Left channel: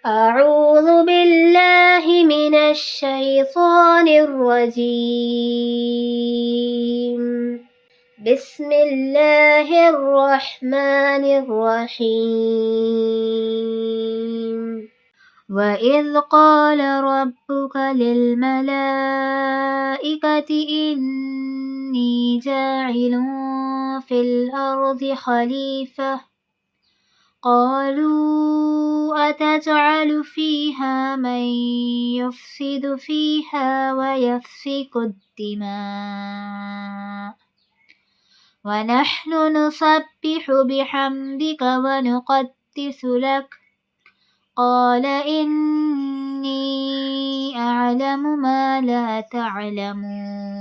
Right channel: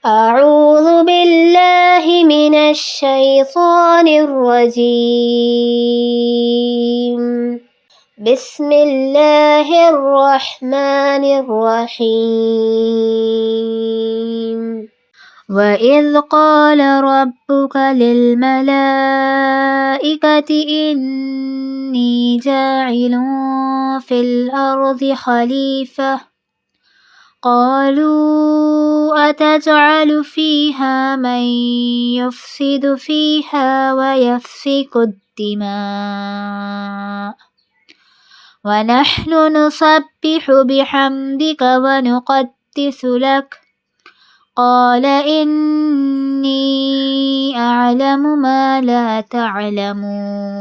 أعوذ بالله من الشيطان الرجيم. بسم الله الرحمن الرحيم. وإذ قال ربك للملائكة إني جاعل في الأرض خليفة قالوا أتجعل فيها من يفسد فيها ويسفك الدماء ونحن نسبح بحمدك ونقدس لك قال إني أعلم ما لا تعلمون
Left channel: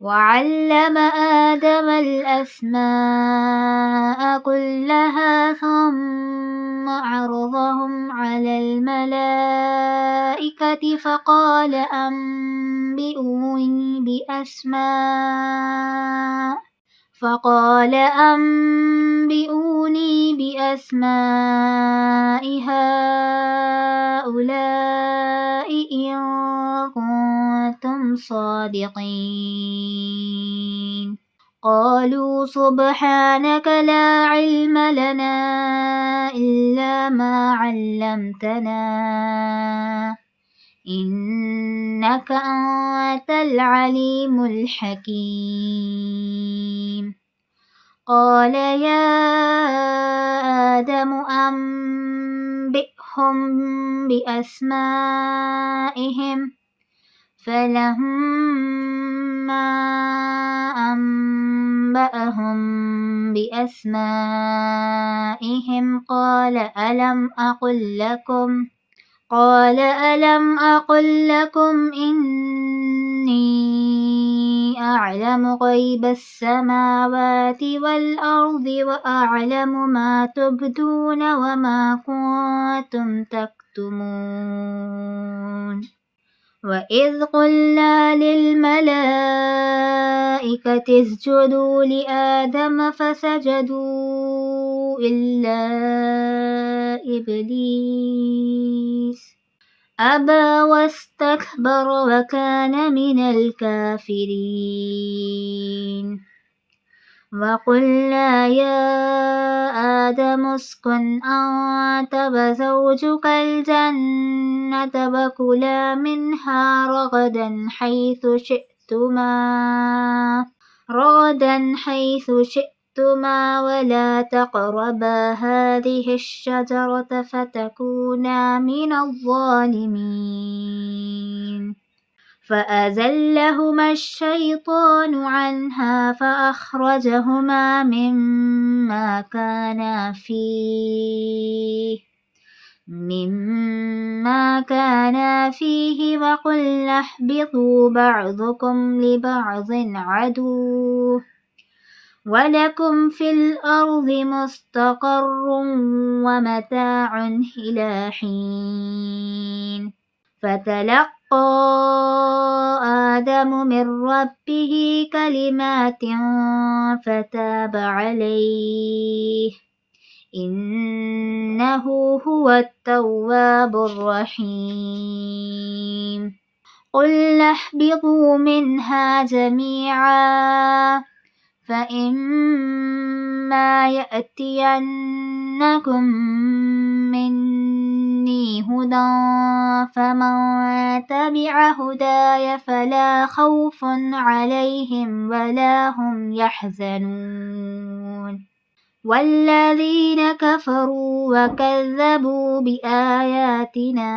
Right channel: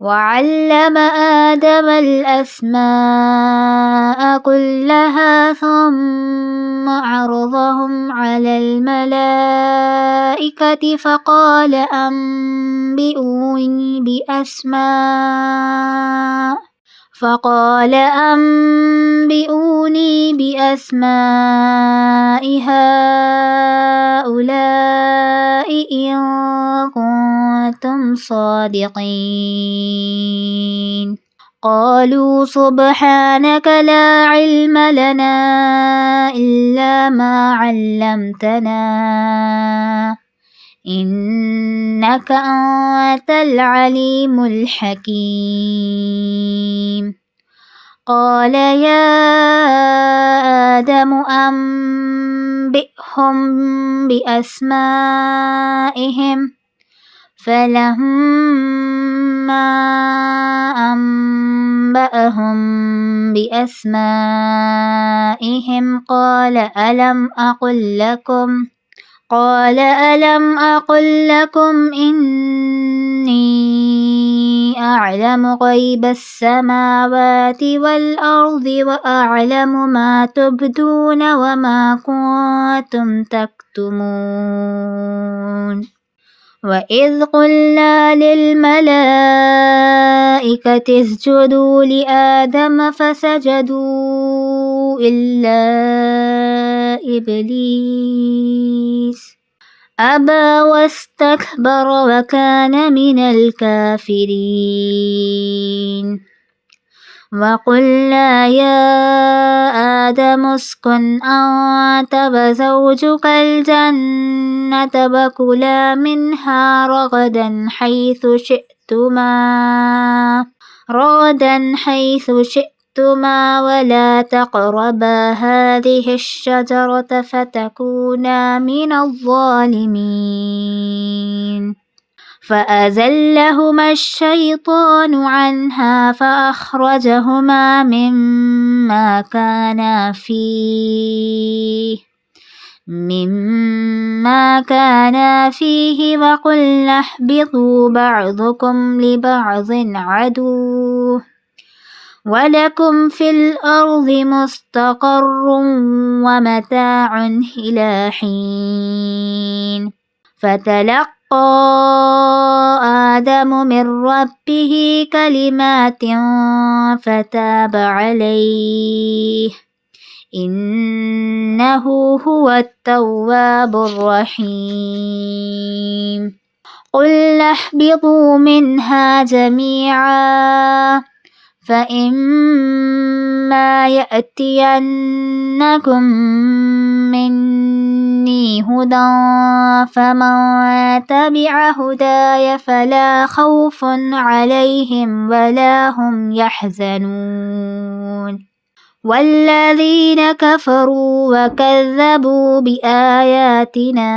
وعلم آدم الأسماء كلها ثم عرضهم على الملائكة فقال أنبئوني بأسماء هؤلاء إن كنتم صادقين قالوا سبحانك لا علم لنا إلا ما علمتنا إنك أنت العليم الحكيم قال يا آدم أنبئهم بأسمائهم فلما أنبأهم بأسمائهم قال ألم أقل لكم إني أعلم غيب السماوات والأرض وأعلم ما تبدون وما كنتم تكتمون وإذ قلنا للملائكة اسجدوا لآدم فسجدوا إلا إبليس أبى واستكبر وكان من الكافرين وقلنا يا آدم اسكن أنت وزوجك الجنة وكلا منها رغدا حيث شئتما ولا تقربا هذه الشجرة فتكونا من الظالمين فأزلهما الشيطان عنها فأخرجهما مما كانا فيه وقلنا اهبطوا بعضكم لبعض عدو ولكم في الأرض مستقر ومتاع إلى حين فتلقى آدم من ربه كلمات فتاب عليه إنه هو التواب الرحيم قلنا اهبطوا منها جميعا فإما يأتينكم مني هدى فمن تبع هداي فلا خوف عليهم ولا هم يحزنون والذين كفروا وكذبوا بآياتنا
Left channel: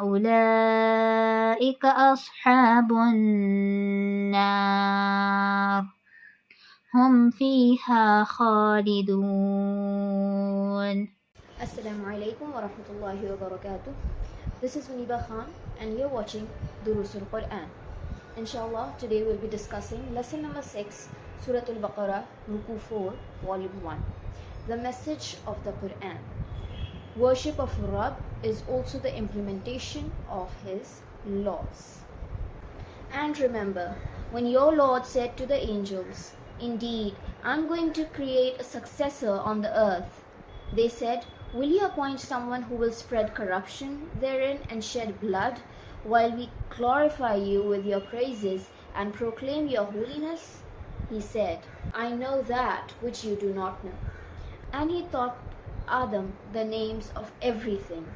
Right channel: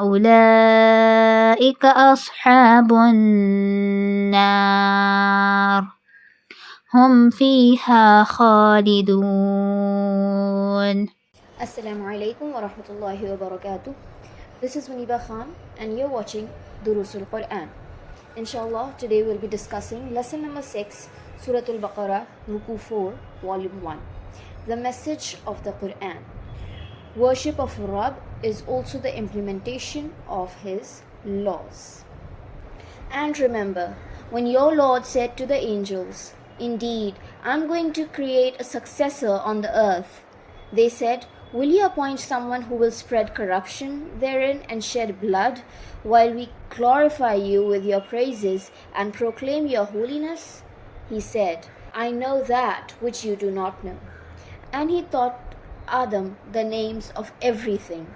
أولئك أصحاب النار هم فيها خالدون. Assalamu alaikum wa rahmatullahi wa barakatuh. This is Munibah Khan and you're watching Duroos-Ul-Qur'an. Inshallah, today we'll be discussing lesson number 6, Surah Al-Baqarah, Ruku 4, Volume 1. The message of the Qur'an. Worship of Rabb is also the implementation of His laws. And remember, when your Lord said to the angels, "Indeed, I'm going to create a successor on the earth," they said, Will you appoint someone who will spread corruption therein and shed blood, while we glorify you with your praises and proclaim your holiness? He said, I know that which you do not know. And he taught Adam the names of everything.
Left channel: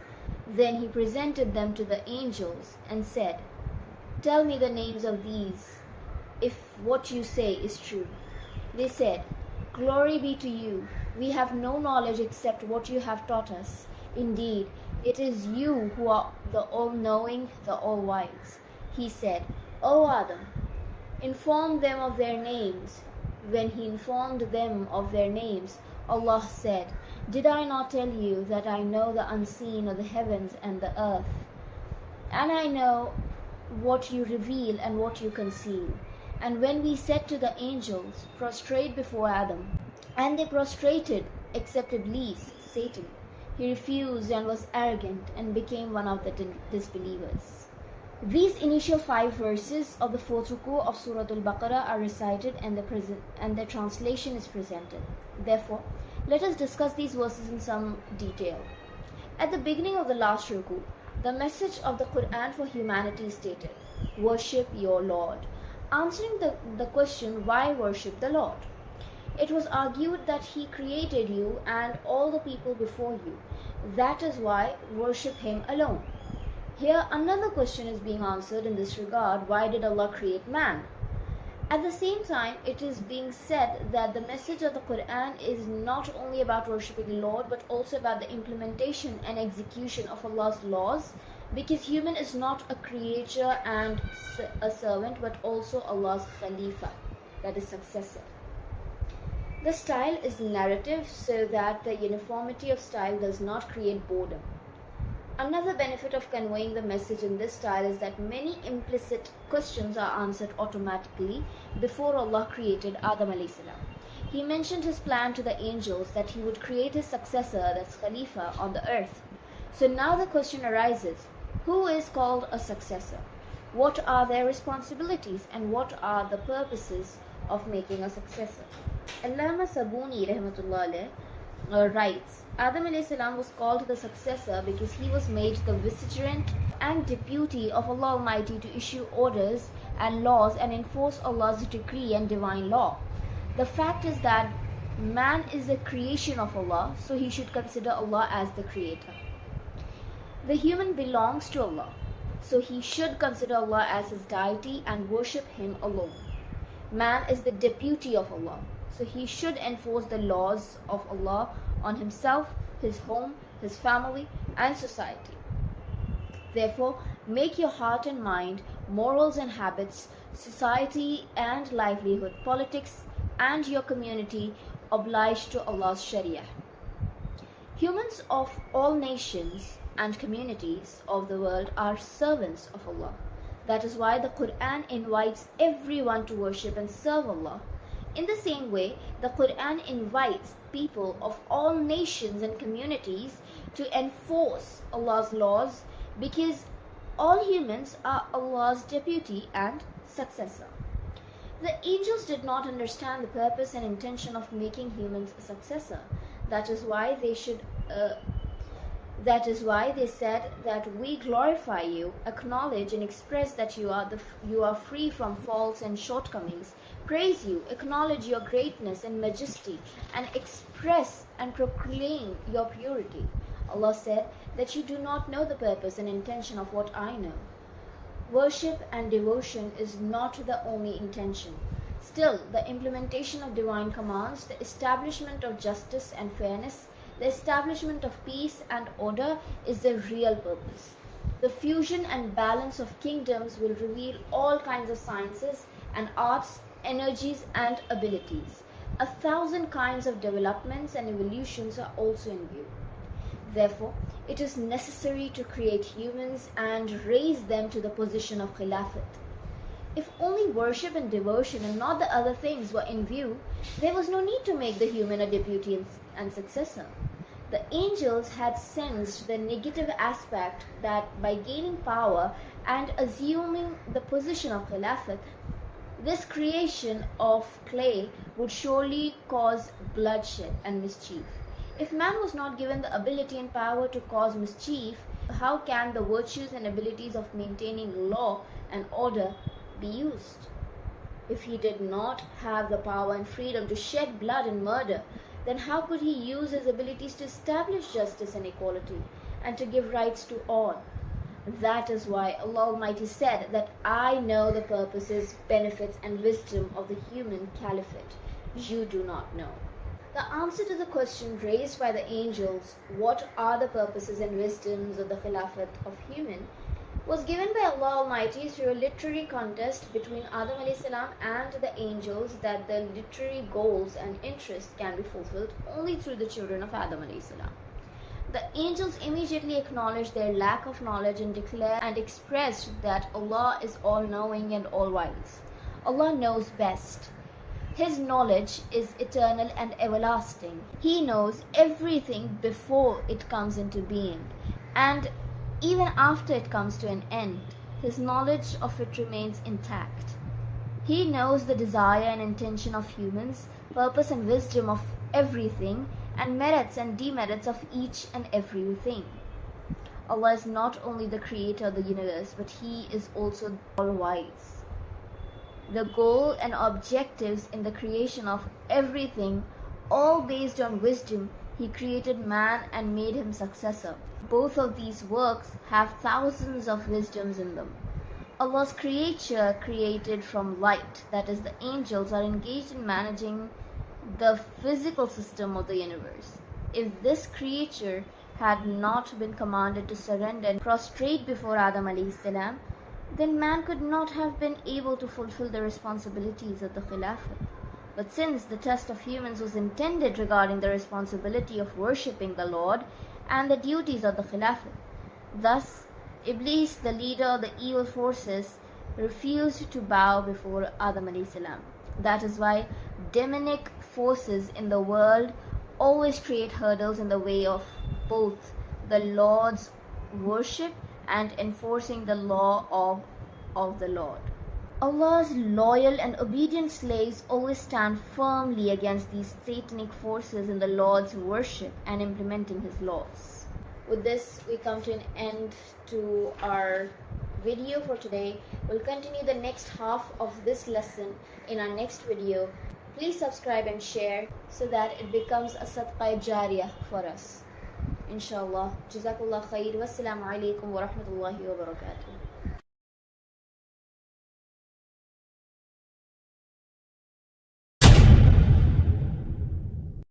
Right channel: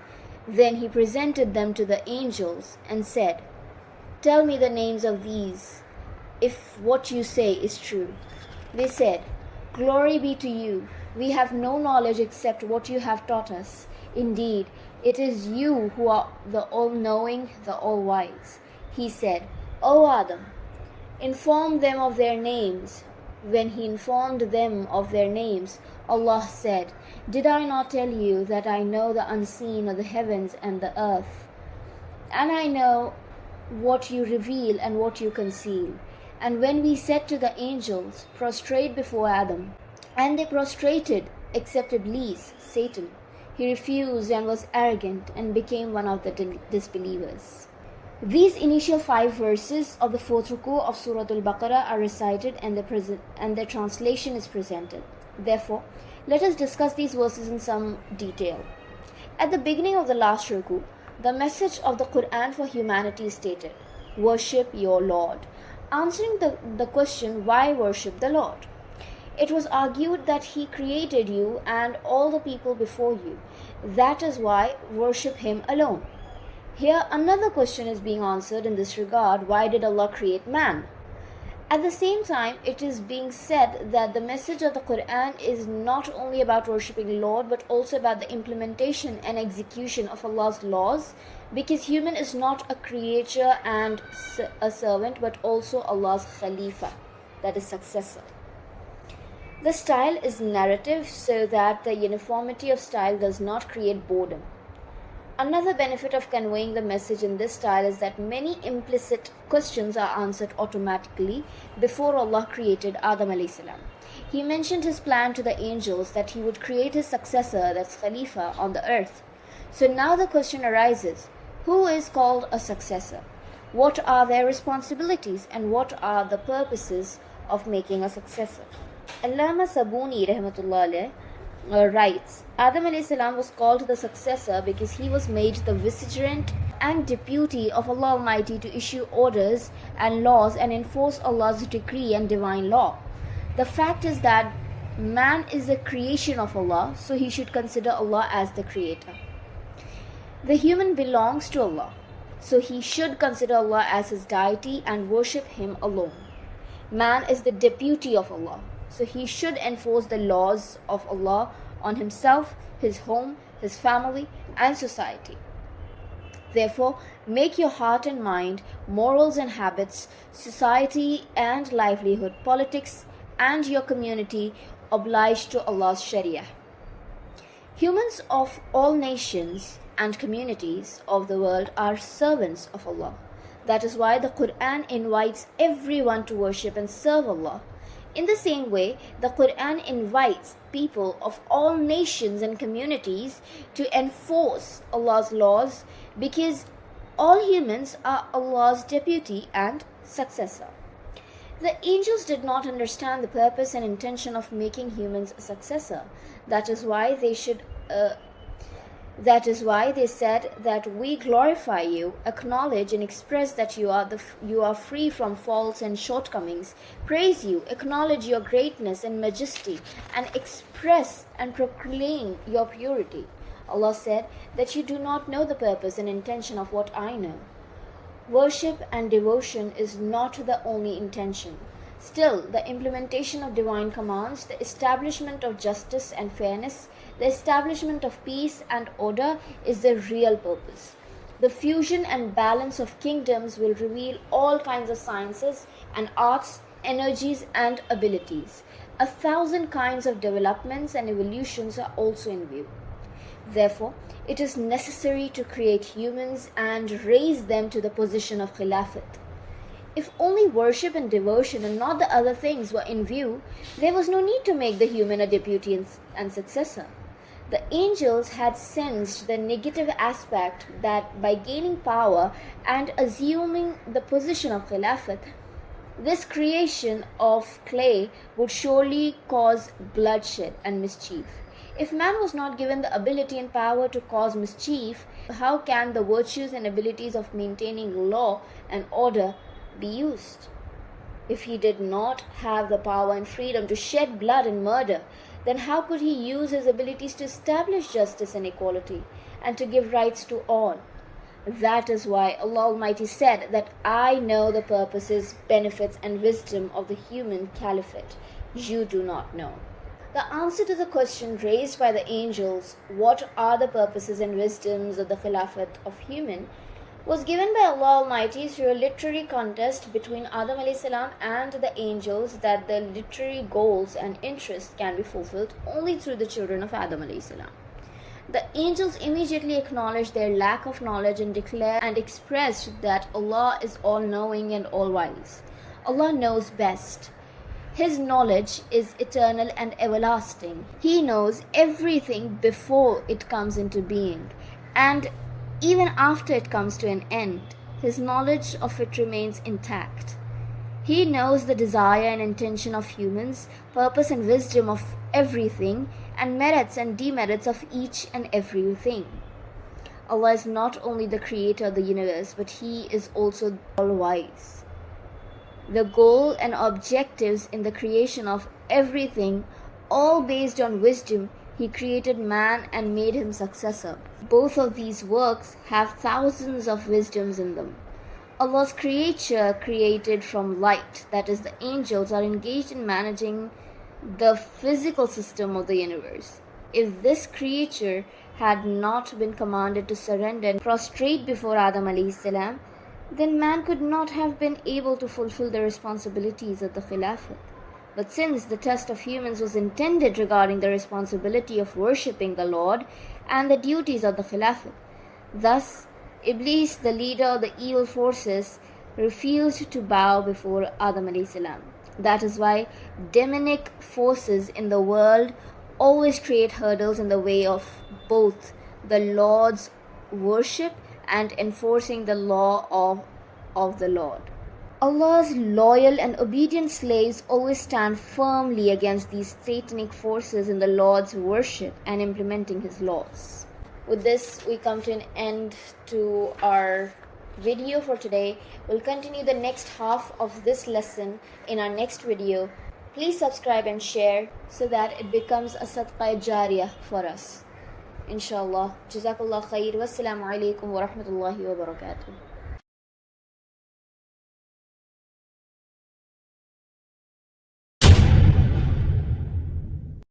Then he presented them to the angels and said, Tell me the names of these, if what you say is true. They said, Glory be to you. We have no knowledge except what you have taught us. Indeed, it is you who are the all-knowing, the all-wise. He said, O Adam, inform them of their names. When he informed them of their names, Allah said, Did I not tell you that I know the unseen of the heavens and the earth? And I know what you reveal and what you conceal. And when we said to the angels, Prostrate before Adam, and they prostrated except Iblis, Satan, he refused and was arrogant and became one of the disbelievers. These initial 5 verses of the 4th ruku of Surah Al-Baqarah are recited and the translation is presented. Therefore, let us discuss these verses in some detail. At the beginning of the last ruku, the message of the Quran for humanity is stated, Worship your Lord, answering the question, why worship the Lord? It was argued that He created you and all the people before you. That is why worship Him alone. Here another question is being answered in this regard, why did Allah create man? At the same time, it is being said that the message of the Quran is not only about worshipping Lord, but also about the implementation and execution of Allah's laws, because human is not a creature and a servant, but also Allah's Khalifa, that is successor. The style is narrative so that the uniformity of style does not create boredom. Another benefit of conveying the message in this style is that many implicit questions are answered automatically before Allah created Adam alayhi salam. He mentioned his plan to the angels that he would create his successor, that's Khalifa, on the earth. So now the question arises, who is called a successor? What are their responsibilities and what are the purposes of making a successor? Allama Sabuni rahmatullah writes, Adam alayhi salam was called the successor because he was made the vicegerent and deputy of Allah Almighty to issue orders and laws and enforce Allah's decree and divine law. The fact is that man is a creation of Allah, so he should consider Allah as the creator. The human belongs to Allah, so he should consider Allah as his deity and worship Him alone. Man is the deputy of Allah, so he should enforce the laws of Allah on himself, his home, his family, and society. Therefore, make your heart and mind, morals and habits, society and livelihood, politics, and your community obliged to Allah's Sharia. Humans of all nations and communities of the world are servants of Allah. That is why the Quran invites everyone to worship and serve Allah. In the same way, the Quran invites people of all nations and communities to enforce Allah's laws because all humans are Allah's deputy and successor. The angels did not understand the purpose and intention of making humans a successor. That is why they said that we glorify you, acknowledge and express that you are free from faults and shortcomings, praise you, acknowledge your greatness and majesty, and express and proclaim your purity. Allah said that you do not know the purpose and intention of what I know. Worship and devotion is not the only intention. Still, the implementation of divine commands, the establishment of justice and fairness, the establishment of peace and order is the real purpose. The fusion and balance of kingdoms will reveal all kinds of sciences and arts, energies and abilities. 1,000 kinds of developments and evolutions are also in view. Therefore, it is necessary to create humans and raise them to the position of Khilafat. If only worship and devotion and not the other things were in view, there was no need to make the human a deputy and successor. The angels had sensed the negative aspect that by gaining power and assuming the position of Khilafat, this creation of clay would surely cause bloodshed and mischief. If man was not given the ability and power to cause mischief, how can the virtues and abilities of maintaining law and order be used? If he did not have the power and freedom to shed blood and murder, then how could he use his abilities to establish justice and equality and to give rights to all? That is why Allah Almighty said that I know the purposes, benefits and wisdom of the human caliphate. You do not know. The answer to the question raised by the angels, what are the purposes and wisdoms of the Khilafat of human, was given by Allah Almighty through a literary contest between Adam a.s. and the angels, that the literary goals and interests can be fulfilled only through the children of Adam a.s. The angels immediately acknowledged their lack of knowledge and declared and expressed that Allah is all-knowing and all-wise. Allah knows best. His knowledge is eternal and everlasting. He knows everything before it comes into being, and even after it comes to an end, His knowledge of it remains intact. He knows the desire and intention of humans, purpose and wisdom of everything, and merits and demerits of each and everything. Allah is not only the creator of the universe, but He is also all-wise. The goal and objectives in the creation of everything, all based on wisdom, He created man and made him successor. Both of these works have thousands of wisdoms in them. Allah's creature created from light, that is, the angels, are engaged in managing the physical system of the universe. If this creature had not been commanded to surrender and prostrate before Adam alayhi salam, then man could not have been able to fulfill the responsibilities of the Khilafat. But since the test of humans was intended regarding the responsibility of worshipping the Lord and the duties of the Khilafat, thus Iblis, the leader of the evil forces, refused to bow before Adam alayhi salam. That is why demonic forces in the world always create hurdles in the way of both the Lord's worship and enforcing the law of the Lord. Allah's loyal and obedient slaves always stand firmly against these satanic forces in the Lord's worship and implementing His laws. With this, we come to an end to our video for today. We'll continue the next half of this lesson in our next video. Please subscribe and share so that it becomes a sadqa jariyah for us. Inshallah. Jazakallah khair. Wassalamu alaikum wa rahmatullahi wa barakatuh.